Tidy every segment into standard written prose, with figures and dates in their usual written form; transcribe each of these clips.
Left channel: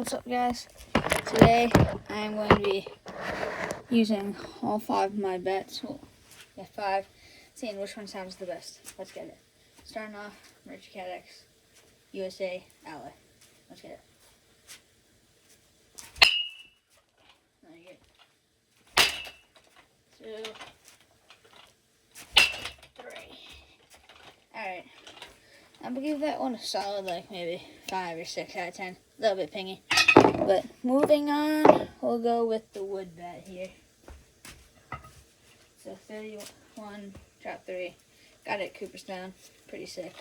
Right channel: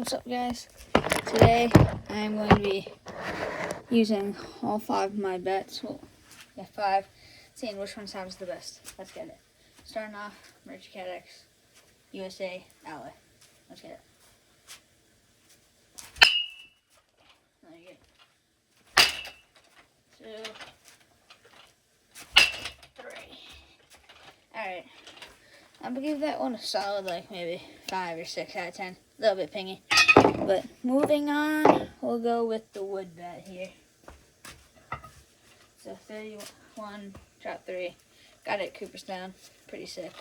What's up, guys? Today I'm going to be using all 5 of my bets. Well, yeah, 5. Seeing which one sounds the best. Let's get it. Starting off, Merch CADX, USA, Ally. Let's get it. There you go. 2, 3. Alright. I'm gonna give that one a solid, like maybe 5 or 6 out of 10. A little bit pingy. But moving on, we'll go with the wood bet here. So 31, drop 3. Got it at Cooperstown. Pretty sick.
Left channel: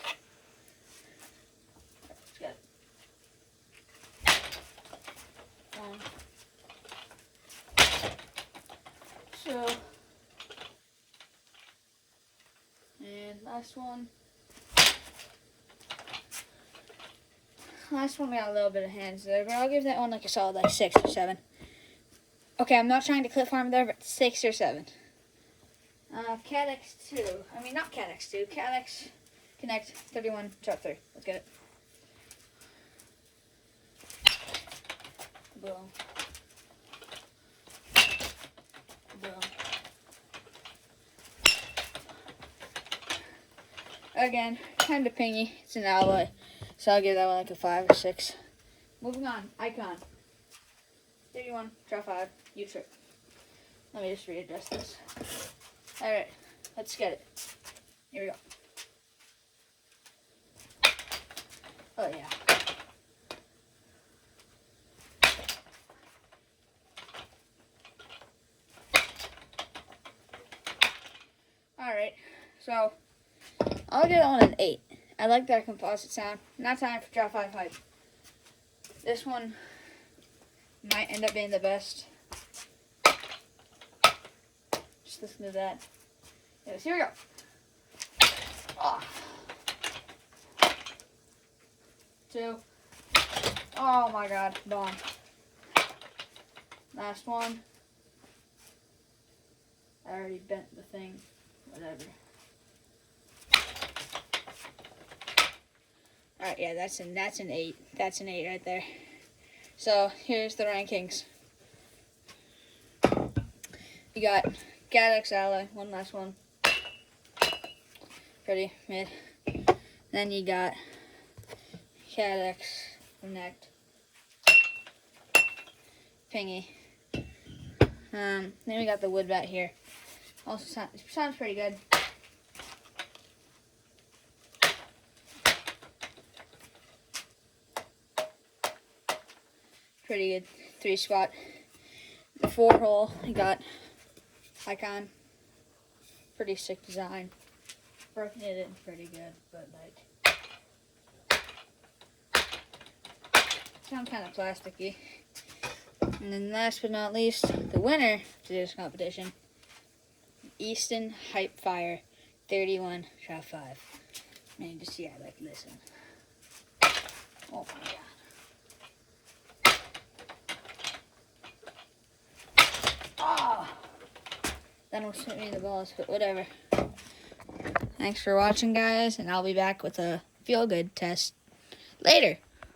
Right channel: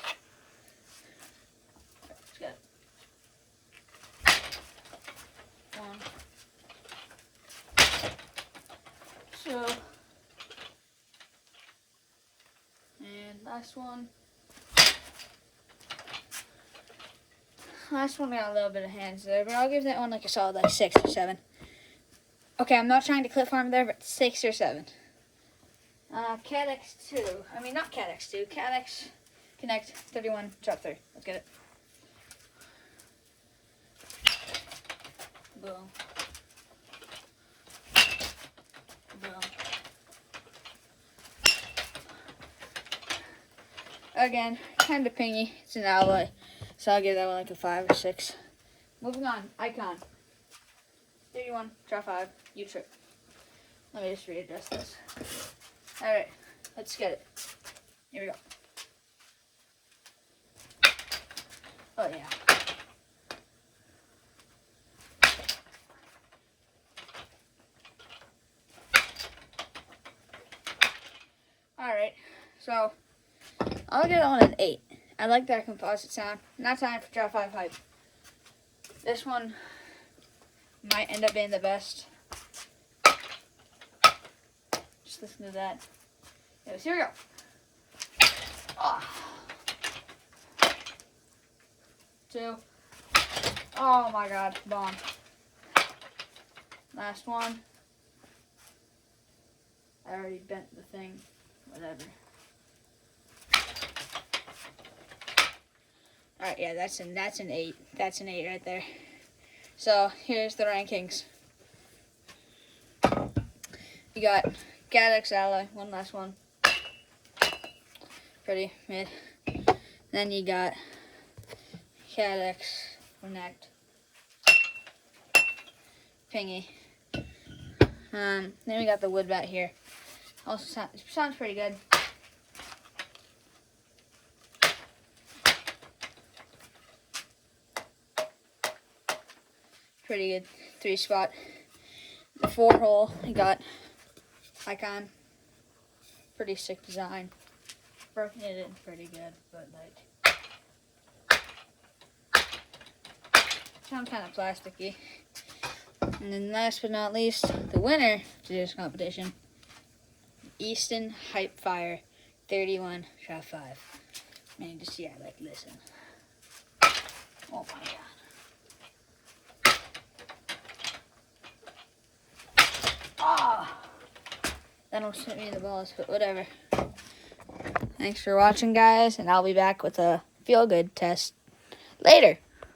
Let's go. 1, 2, and last one. Last one got a little bit of hands there, but I'll give that one like a solid like 6 or 7. Okay, I'm not trying to clip farm there, but 6 or 7. CADX 2. I mean, not CADX 2. CADX Connect 31, drop 3. Let's get it. Boom. Boom. Again, kind of pingy. It's an alloy. So I'll give that one like a 5 or 6. Moving on, Icon. 31, drop 5, U-trip. Let me just readjust this. Alright, let's get it. Here we go. Oh yeah. Alright, so I'll give that one an 8. I like that composite sound. Not time for drop 5 hype. This one might end up being the best. Just listen to that. Anyways, here we go. Oh. 2. Oh my god, bomb. Last one. I already bent the thing. Whatever. Alright, yeah, that's an 8. That's an 8 right there. So, here's the rankings. You got CADX Ally, one last one. Pretty mid. Then you got CADX Connect. Pingy. Then we got the wood bat here. Also sounds pretty good. Pretty good 3 spot. The 4 hole, you got Icon. Pretty sick design. Broken it in pretty good, but like sounds kind of plasticky. And then last but not least, the winner of today's competition, Easton Hype Fire 31 drop 5. Man, just see, I like listen. Oh my god. That almost hit me in the balls, but whatever. Thanks for watching, guys, and I'll be back with a feel-good test later.